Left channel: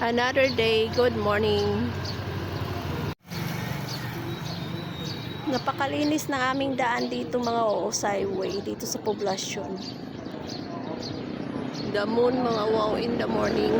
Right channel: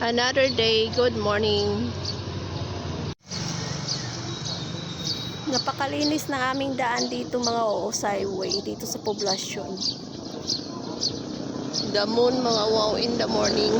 Another day, good morning. Napakalinis ng aming daan dito mga Oosay Way, dito sa poblasyon. The moon mga wow in the morning.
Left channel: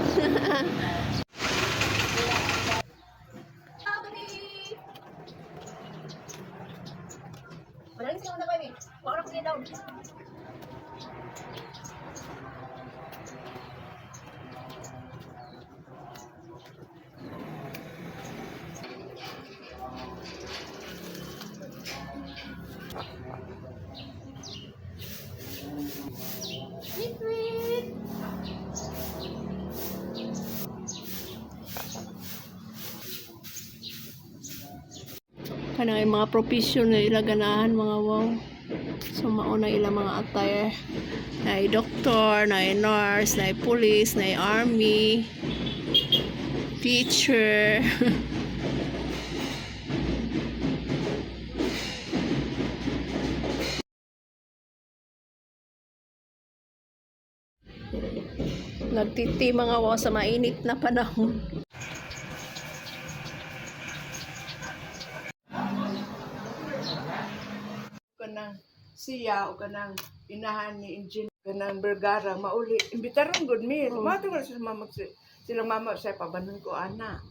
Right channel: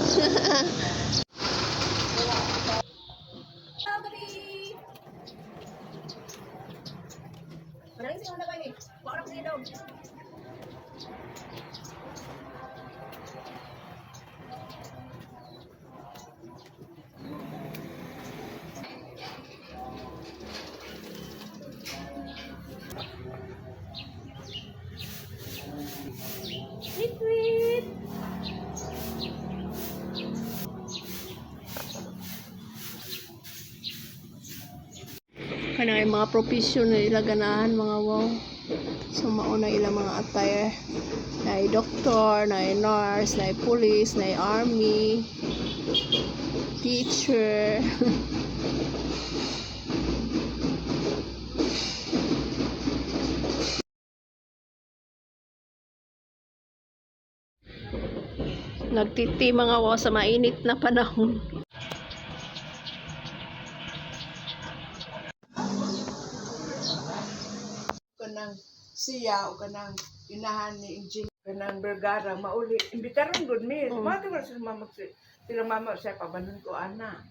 Wait, wait. Kanang mga profession na ilaganahan mga wow. So mauna ilang mga attire. Na doktor, na nurse, na police, na army, teacher. Nagtiti mga wow sa mainit na panahon. Kanang siya o kanang inahan ni Engineer kanang Bergara mauli imbitaron gud mi mato nga sila mama sa pabanon ko ana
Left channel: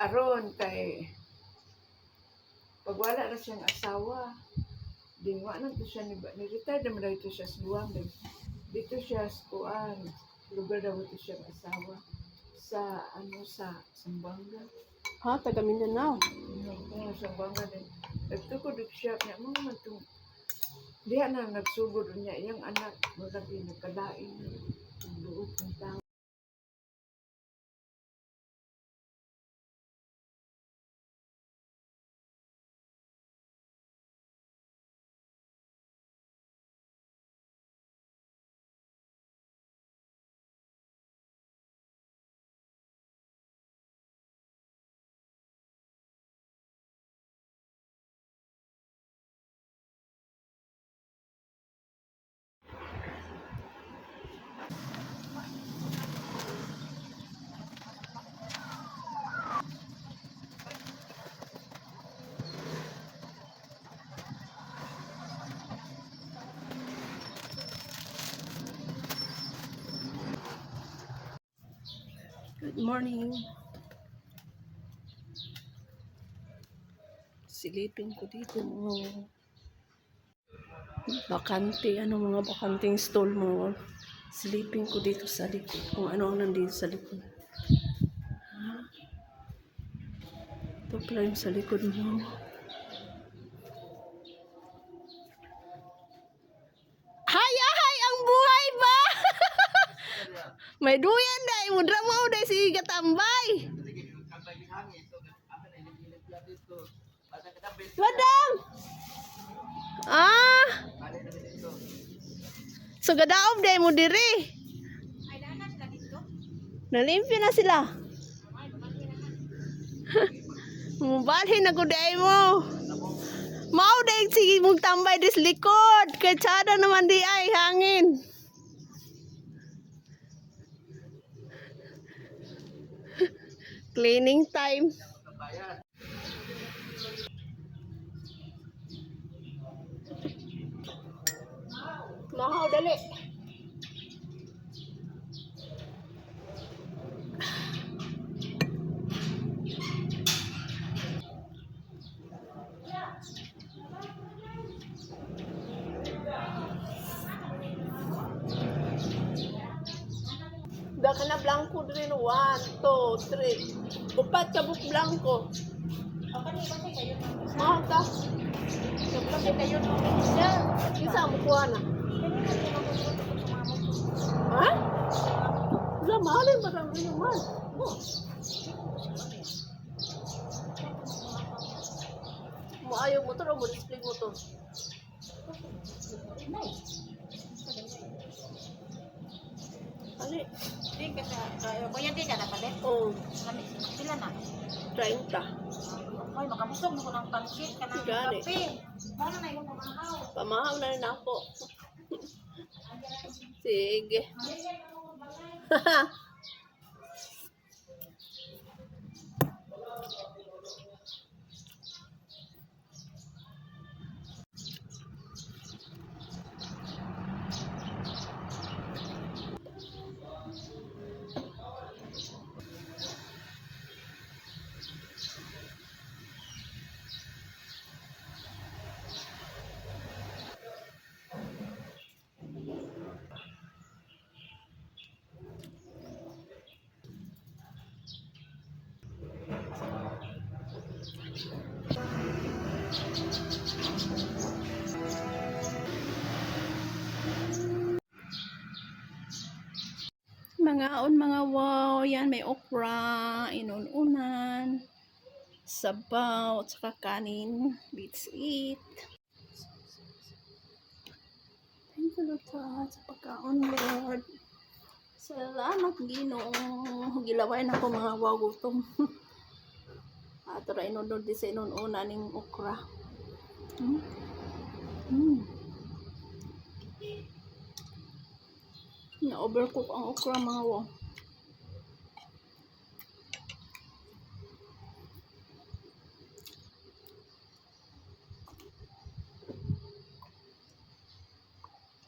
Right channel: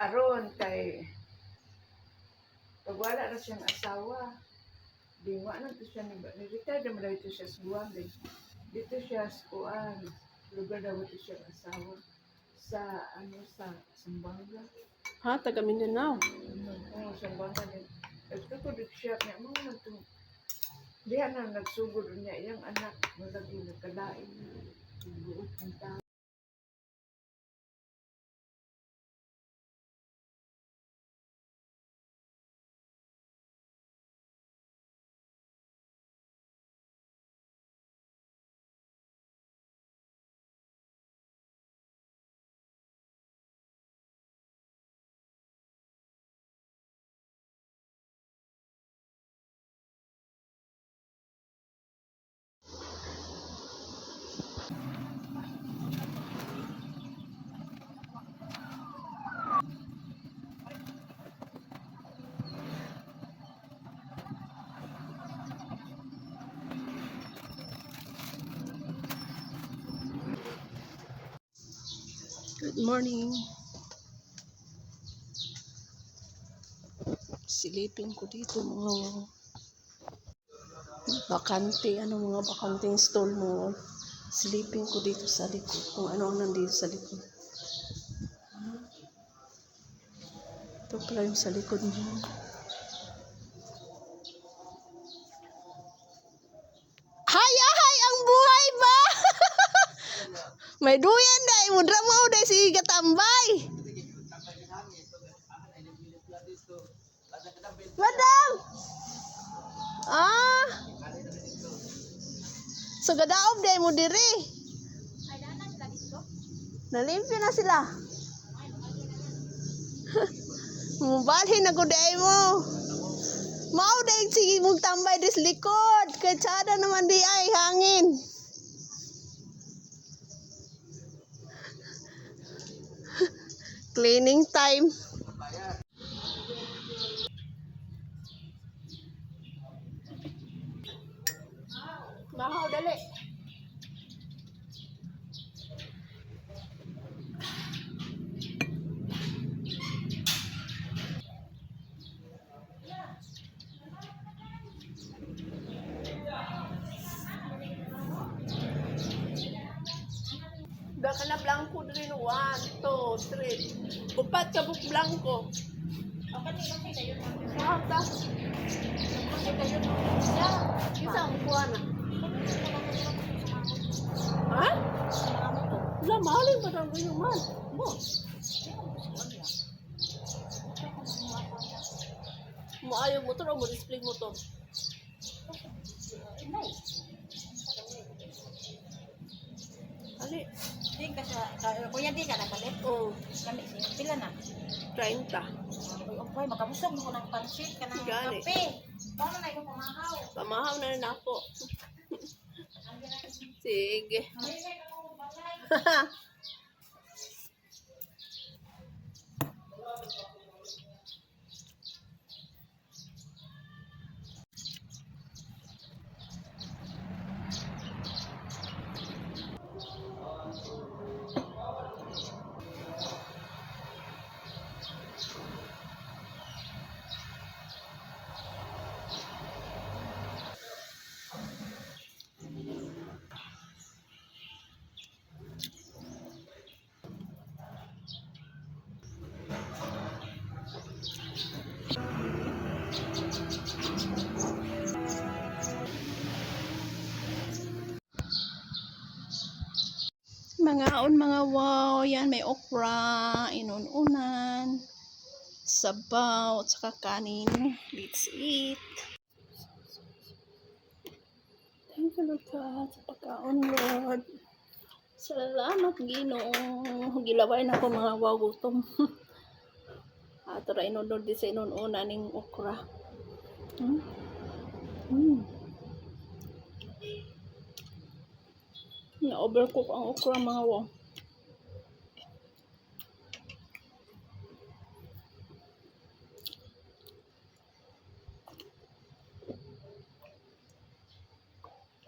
aron kay pag wala na siyang asawa dingwa na to siya ni retired naman daw ito siya sa Guam dito siya sa kuan lugar daw ito siyang asawa sa sa Sambanga Taga Mindanao. Sambanga din nagtukod siya niya mo diya na nagsugod niya yung anak malagi nagkalain buot ng tao. Good morning. Silipin ko dito mga bakante, mga bakanting stall mo. Silipin ko dito sa likod kung ano ang nandito sa likod. Ito pala yung sa likod mo. Hay, ang buhay ba? May duyan dai mo drama dai si Gatambay. Wadang. So gadaob dai mo diri. Nalimpyo na sila. Mubalhin na ko dai mo. Mau dai sige mong tambay dis likod. Kay tsada naman di ay hangin. Cleaning time. Mahaw dali. Da ka na blanco diri no 1, 2, 3. Upat ka buk blanco. Mata. Isa mo kuha na. Ha? Wala, mahalin ba ang ganyan man? Mo ayaw motor o mo display motor? Ali. Din ka sa kuya din ka na palit. Oh, Kami pila na. 30. Okay, makamusog mo ko ng pansit ka ng Gani. kape. Bala na yung pamakaw. Pamahang na rin ako. Sige. mangaon mga wow. Yan, may okra, inununan, sabaw, at saka kanin. Let's eat. Thank you, Lord God, sa pagkaon, Lord. Salamat, Ginoo. Gilaway na ko mga wow, gutom. Ato ra inunod di sa inununan ning okra. Hmm? Hmm. Na-overcook ang okra mga wow.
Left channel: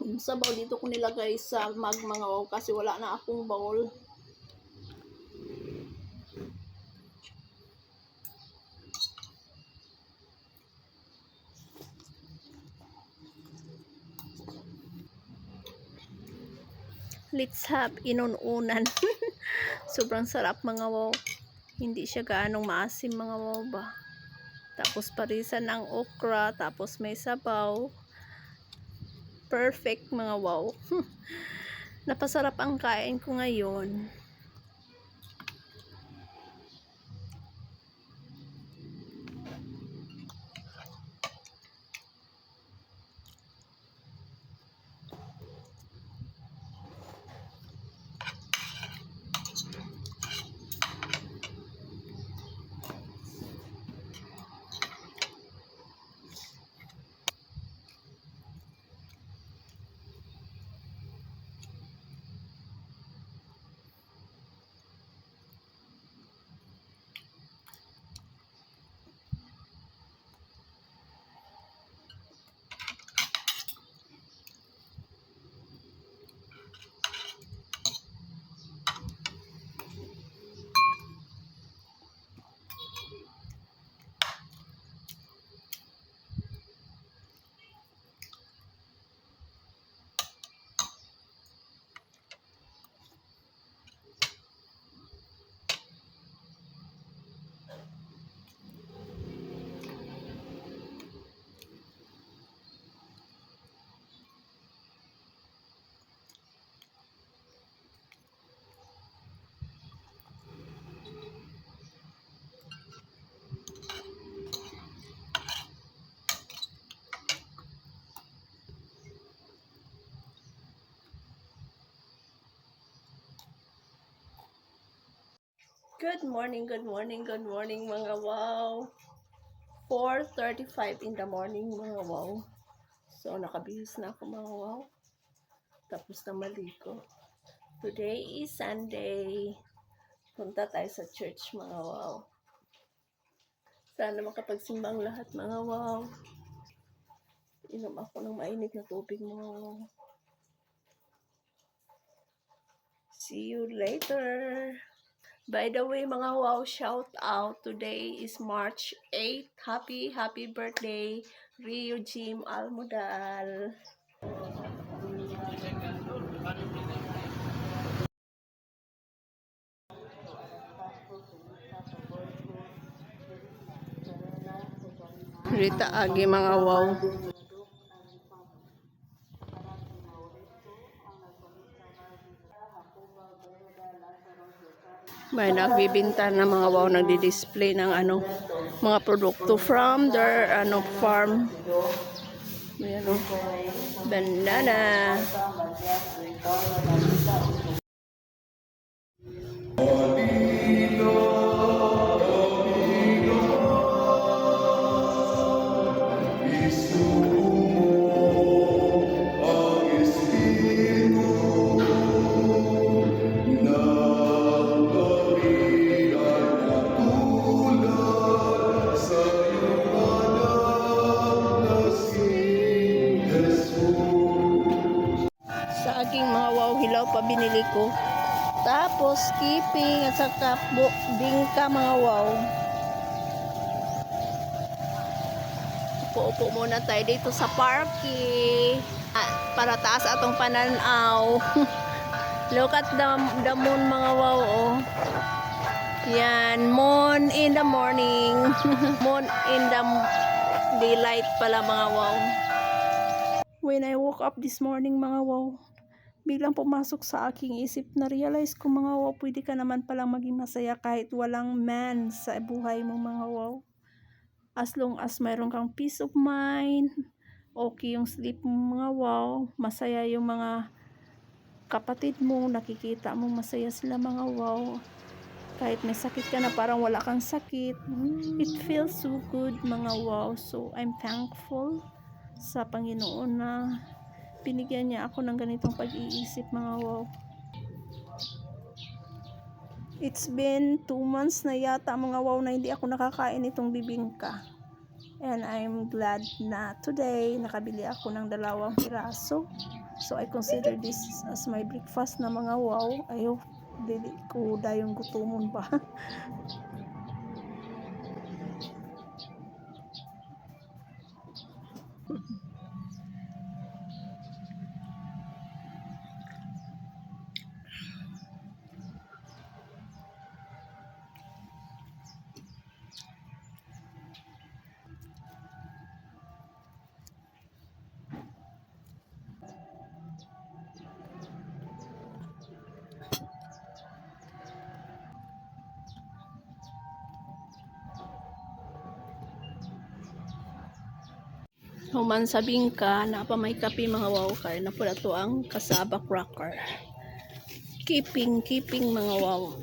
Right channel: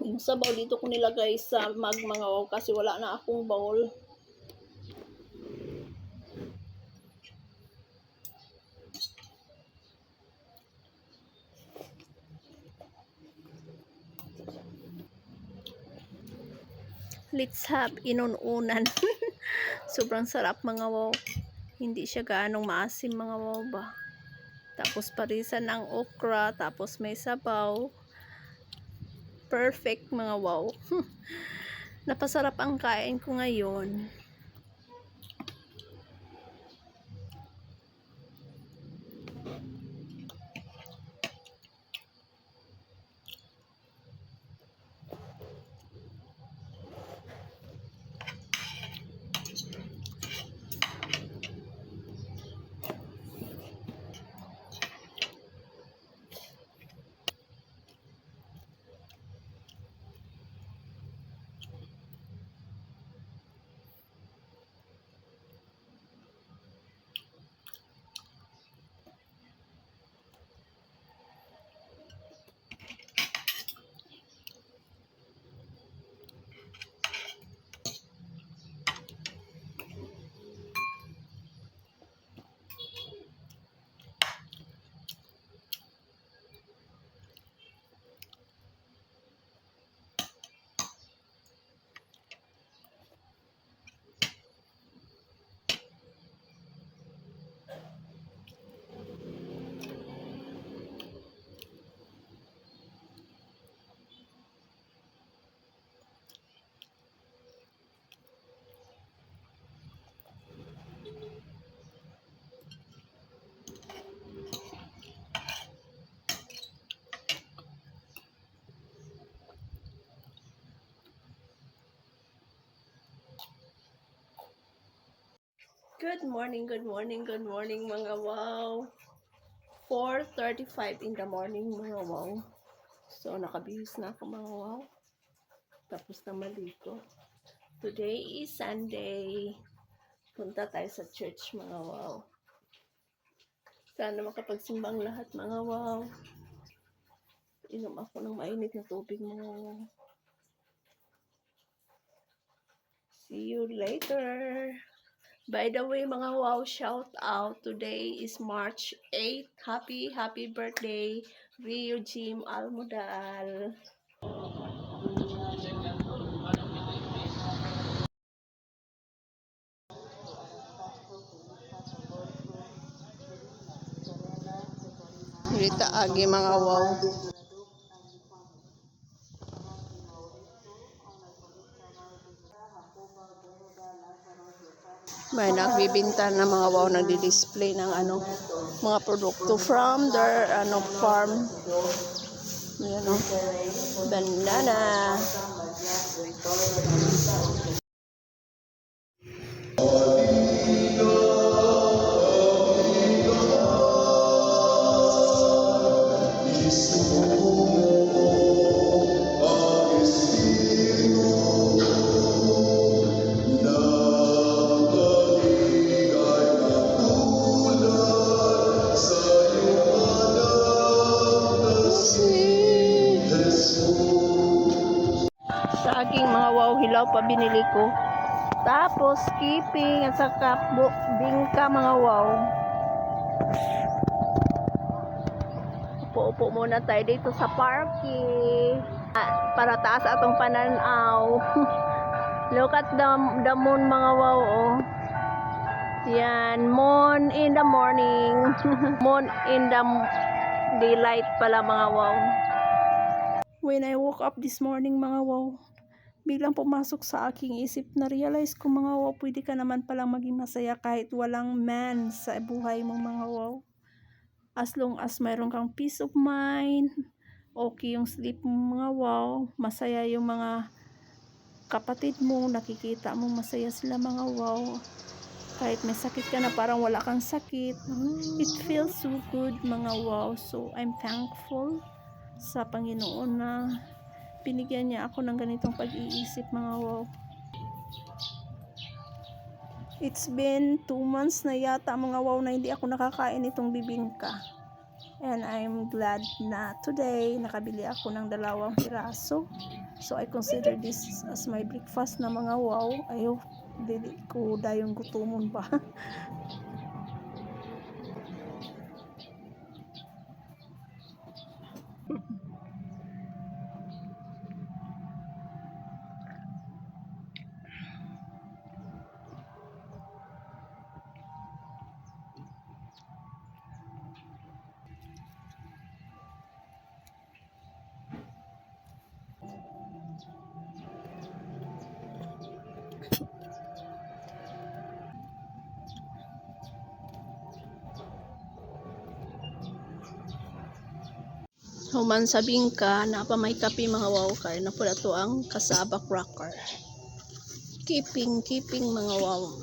Yung sabaw dito ko nilagay sa mga wow kasi wala na akong bowl. Let's have inununan. Sobrang sarap mga wow. Hindi siya gaanong maasim mga wow ba. Tapos parisan ang okra, tapos may sabaw. Perfect mga wow. Napasarap ang kain ko ngayon. Good morning, good morning, good morning mga wow. 4:35 in the morning mga wow. So nakabihis na ako mga wow. Tapos na maligo. Today is Sunday. Punta tayo sa church mga wow. Sana makapagsimbang lahat mga wow. Inom ako ng mainit na tubig mga wow. See you later. By the way, mga wow, shout out. Today is March 8. Happy birthday, Rio Jim Almodal. Rita Agi mga wow. May nagbibinta na mga wow, nagdi-display ng mga produkto from their farm. Ayan o. Banana. Saging mga wow, hilaw pa binili ko. Tapos skipping at saka bingka mga wow. Upo-upo muna tayo dito sa parking. Para taas atong pananaw. Look at the moon mga wow oh. Yan, moon in the morning. Moon in the daylight pala mga wow. When I woke up this morning mga wow, biglang pumasok sa aking isip na realize ko mga wow, pwede ka naman palang maging masaya kahit walang man sa buhay mo mga wow. As long as mayroon kang peace of mind, okay yung sleep mo mga wow, masaya yung mga kapatid mo, nakikita mo masaya sila mga wow. Kahit may sakit ka na parang wala kang sakit, it feels so good mga wow. So I'm thankful sa Panginoon na binigyan niya ako ng ganitong pag-iisip mga wow. It's been 2 months na yata mga wow na hindi ako nakakain itong bibingka. And I'm glad na today nakabili ako ng 2 piraso. So I consider this as my breakfast na mga wow. Ayaw, dili ko dayong gutumon ba. Human sa bingka, napa may kape mga wow kay na pula to ang kasaba cracker. Keeping mga wow.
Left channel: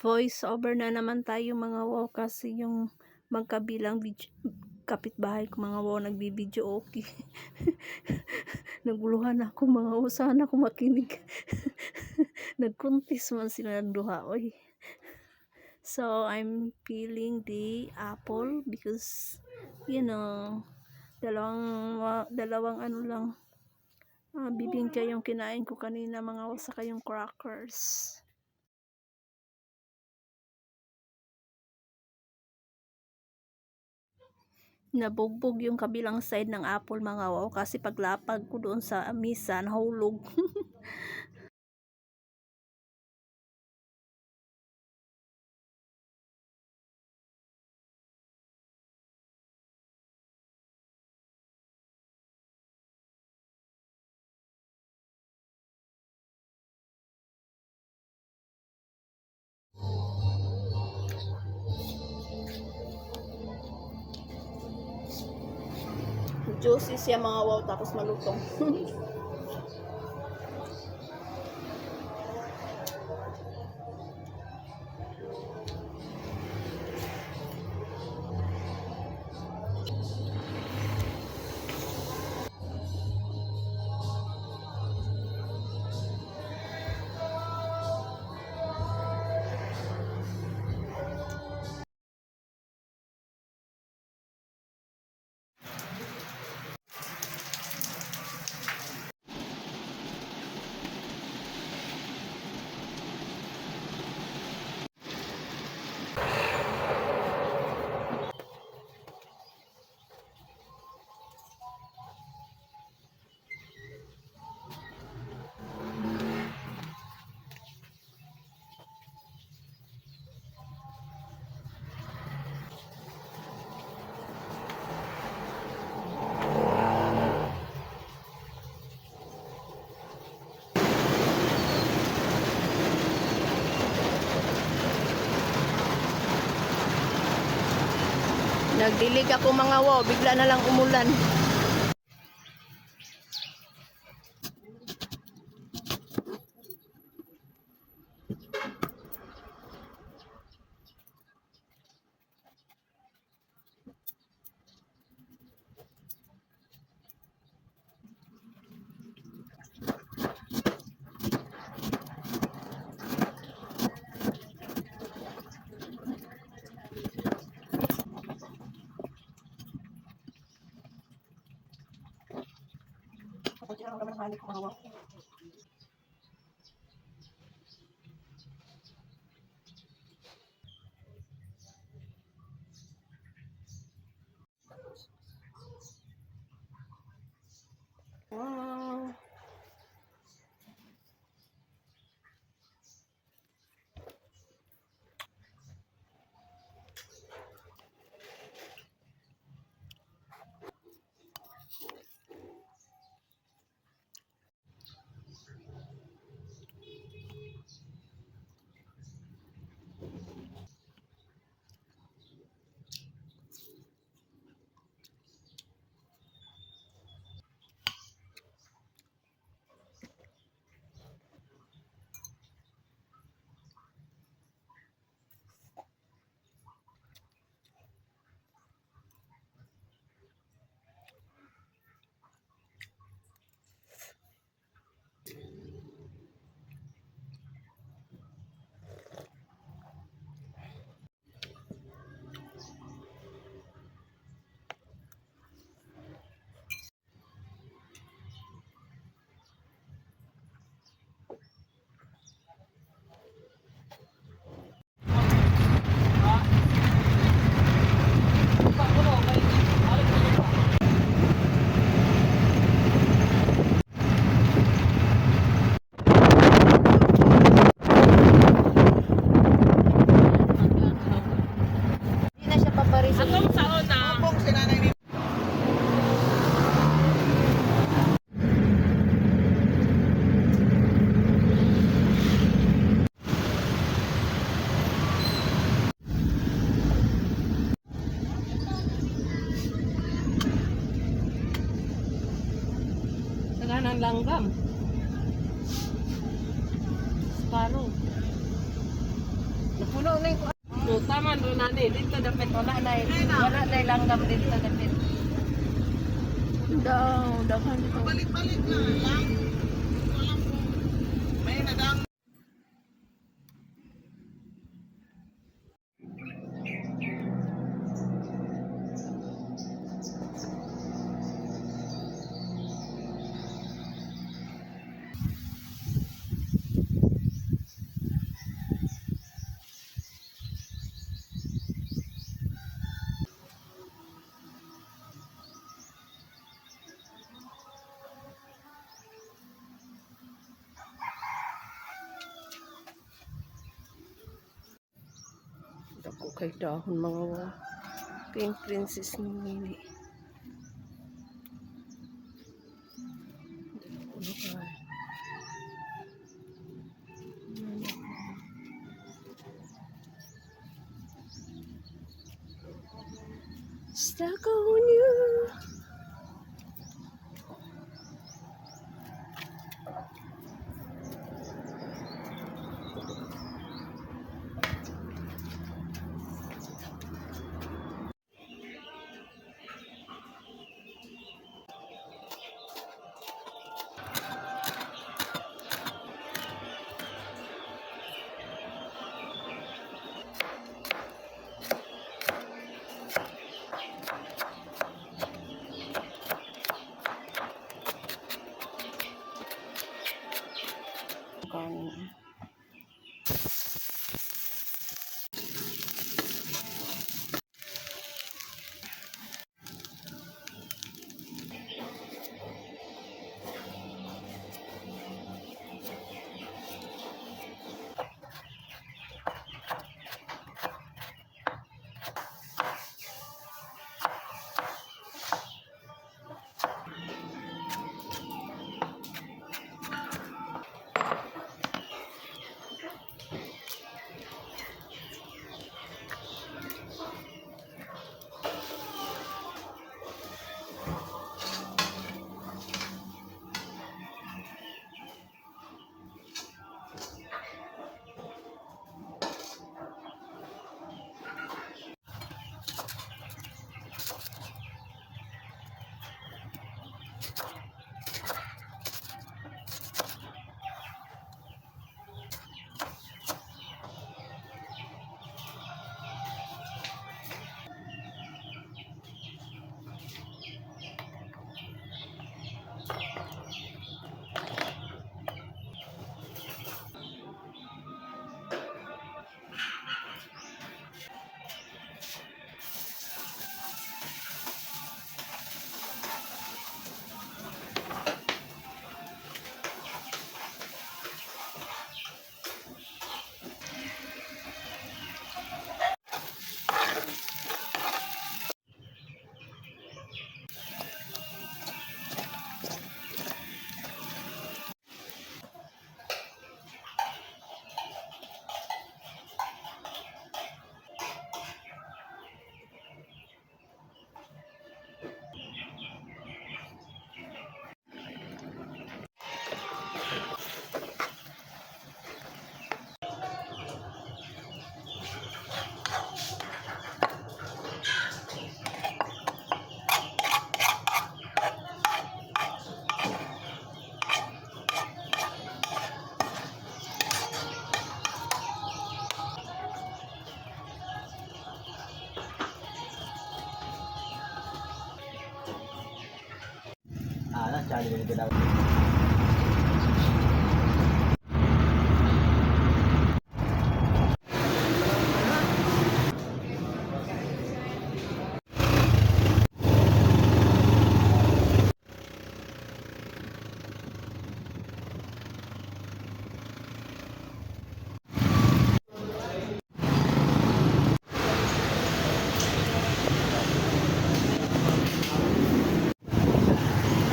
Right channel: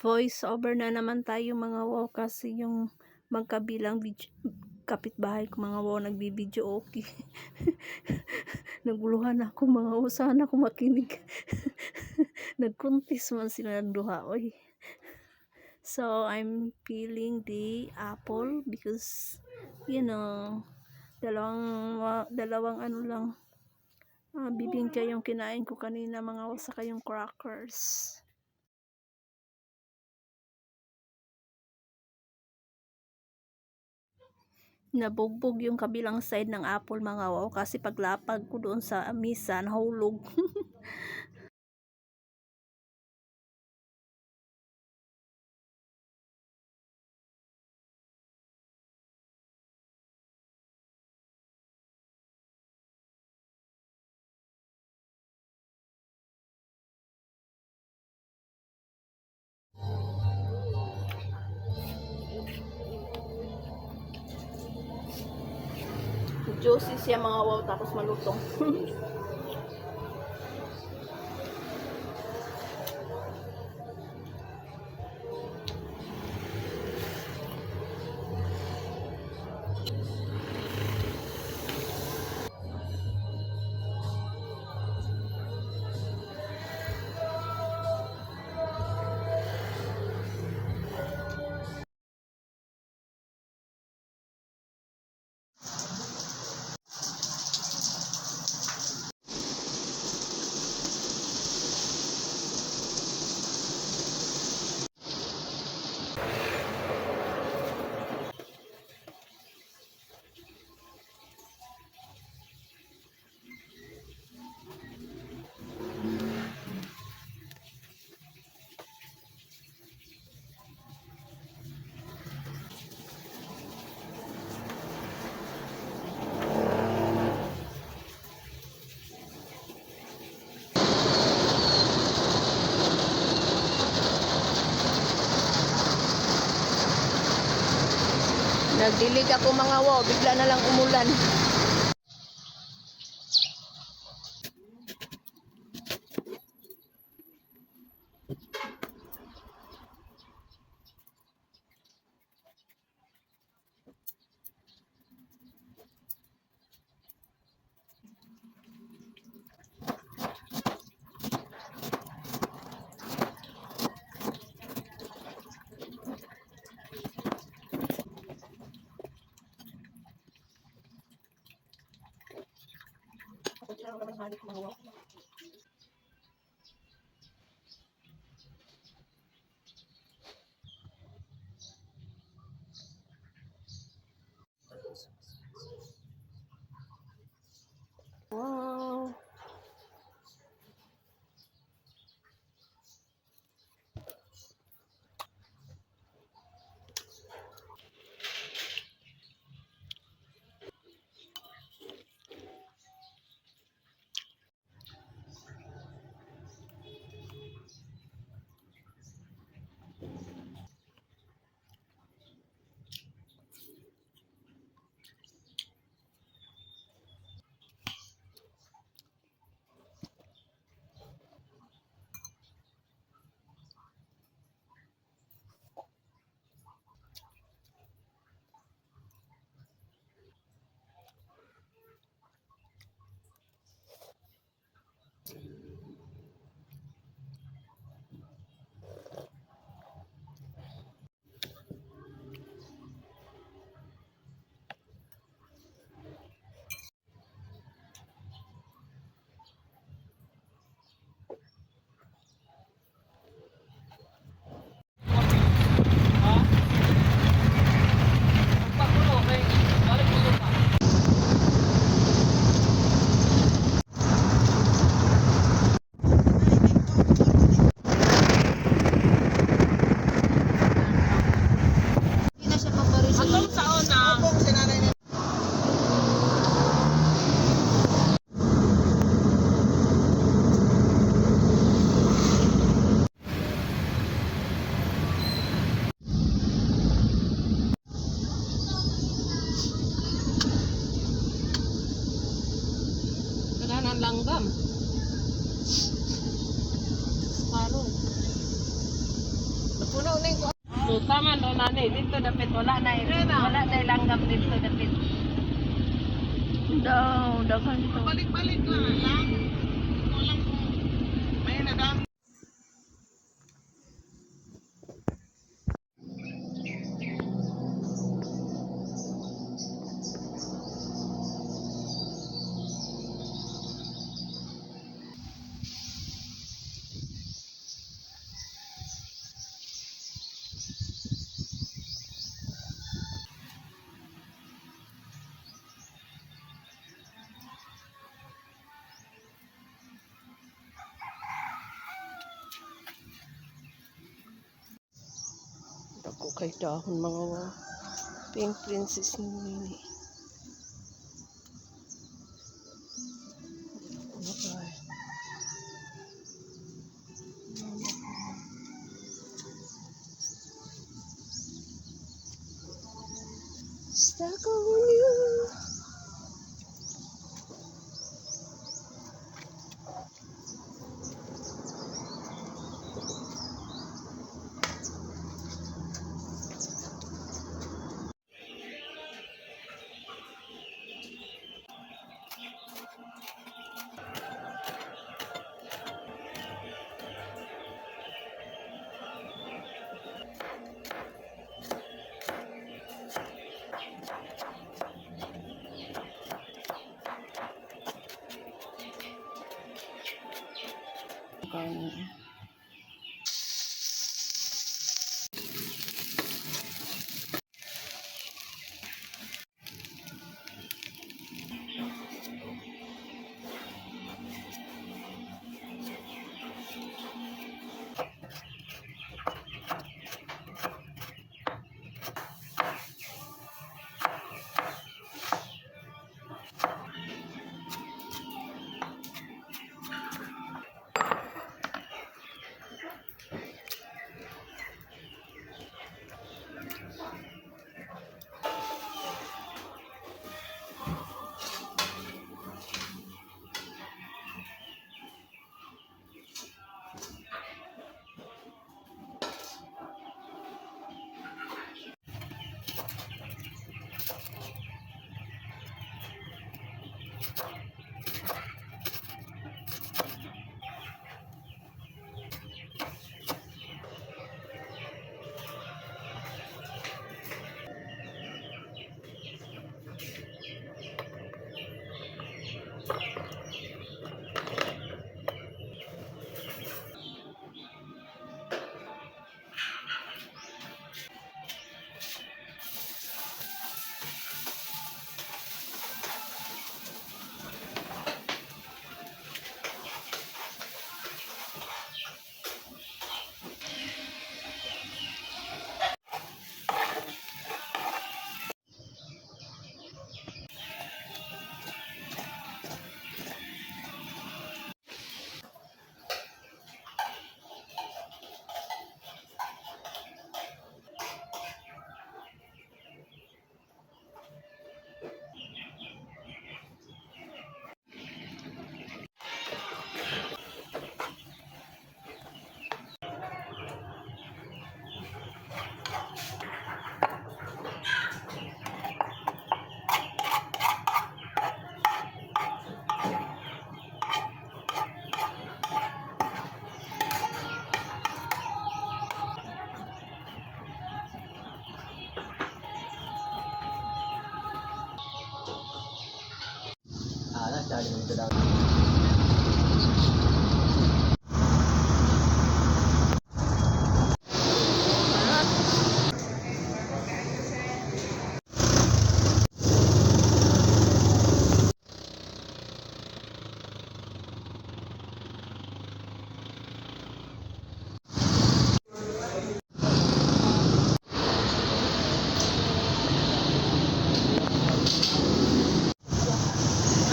Voice over na naman tayo mga wow kasi yung magkabilang kapitbahay ko mga wow nagbibideo okay. Naguluhan ako mga wow, sana ako makinig. Nagkuntis man sila ng duha oy. So I'm peeling the apple because you know dalawang ano lang bibingka yung kinain ko kanina mga wow saka yung crackers. Nabugbog yung kabilang side ng apple mga wow kasi paglapag ko doon sa misa nahulog. Juicy siya mga wow tapos malutong. Nagdilig ako mga wow, bigla na lang umulan. karon. Napuno na yung tama na nanay dito dapat wala na langgam dito dapat. Daw, daghan dito. Balik-balik lang. Wala po. May nadam. Dako kay dahon mga wow. Pink princess ni Nini. Stuck on you. Kanin.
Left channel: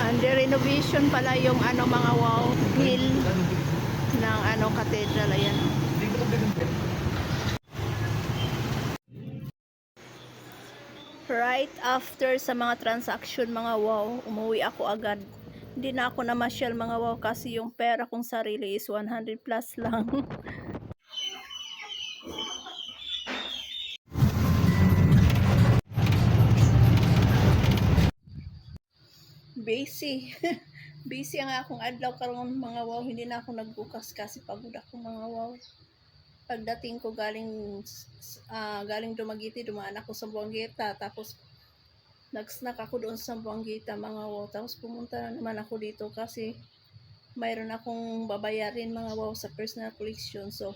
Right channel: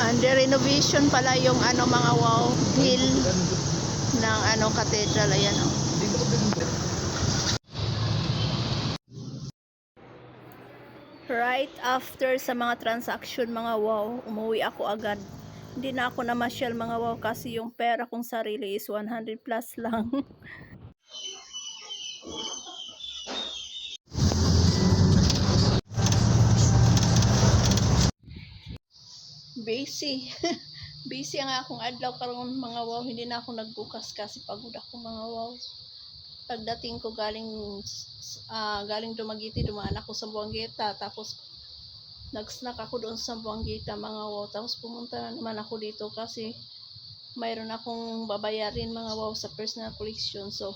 Under renovation pala yung ano mga wow hill ng ano cathedral, ayan oh. Right after sa mga transaction mga wow, umuwi ako agad Hindi na ako namasyal mga wow kasi yung pera kong sarili is 100 plus lang. Busy. Busy ang akong adlaw karon mga wow. Hindi na ako nagbukas kasi pagod ako mga wow. Pagdating ko galing Dumaguete, dumaan ako sa Buangueta, tapos nag-snack ako doon sa Buangueta mga wow. Tapos pumunta na naman ako dito kasi mayroon akong babayarin mga wow sa personal collection. So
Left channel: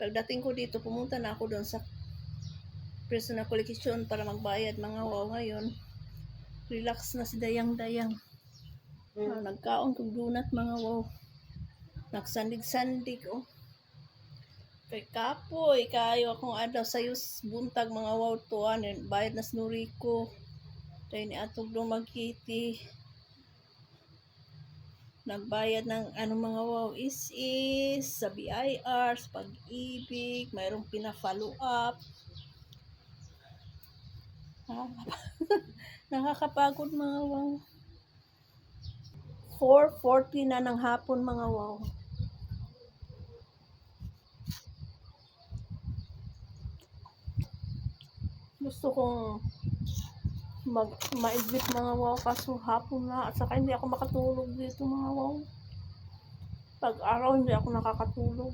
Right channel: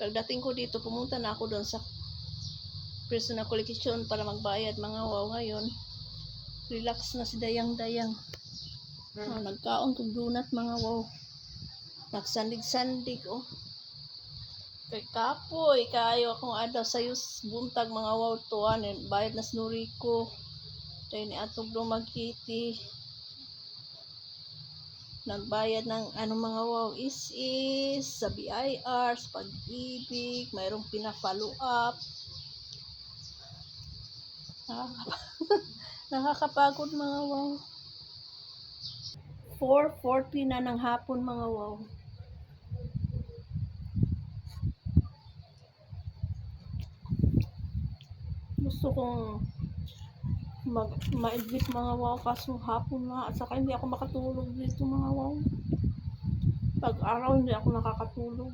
pagdating ko dito, pumunta na ako doon sa personal collection para magbayad mga wow. Ngayon relax na si Dayang-Dayang. Nagkaon kong donut mga wow. Nagsandig-sandig oh. Kay kapoy kayo akong adlaw sayo buntag mga wow tuan bayad na snuri ko. Dahil ni atog Dumaguete. Nagbayad ng mga wow is sa BIR, sa Pag-ibig, mayroong pina-follow up. Nakakapagod mga wow. 4:40 na ng hapon mga wow. Gusto kong ma-exit mga wow kaso hapon na at saka hindi ako makatulog dito mga wow. Pag araw hindi ako nakakatulog.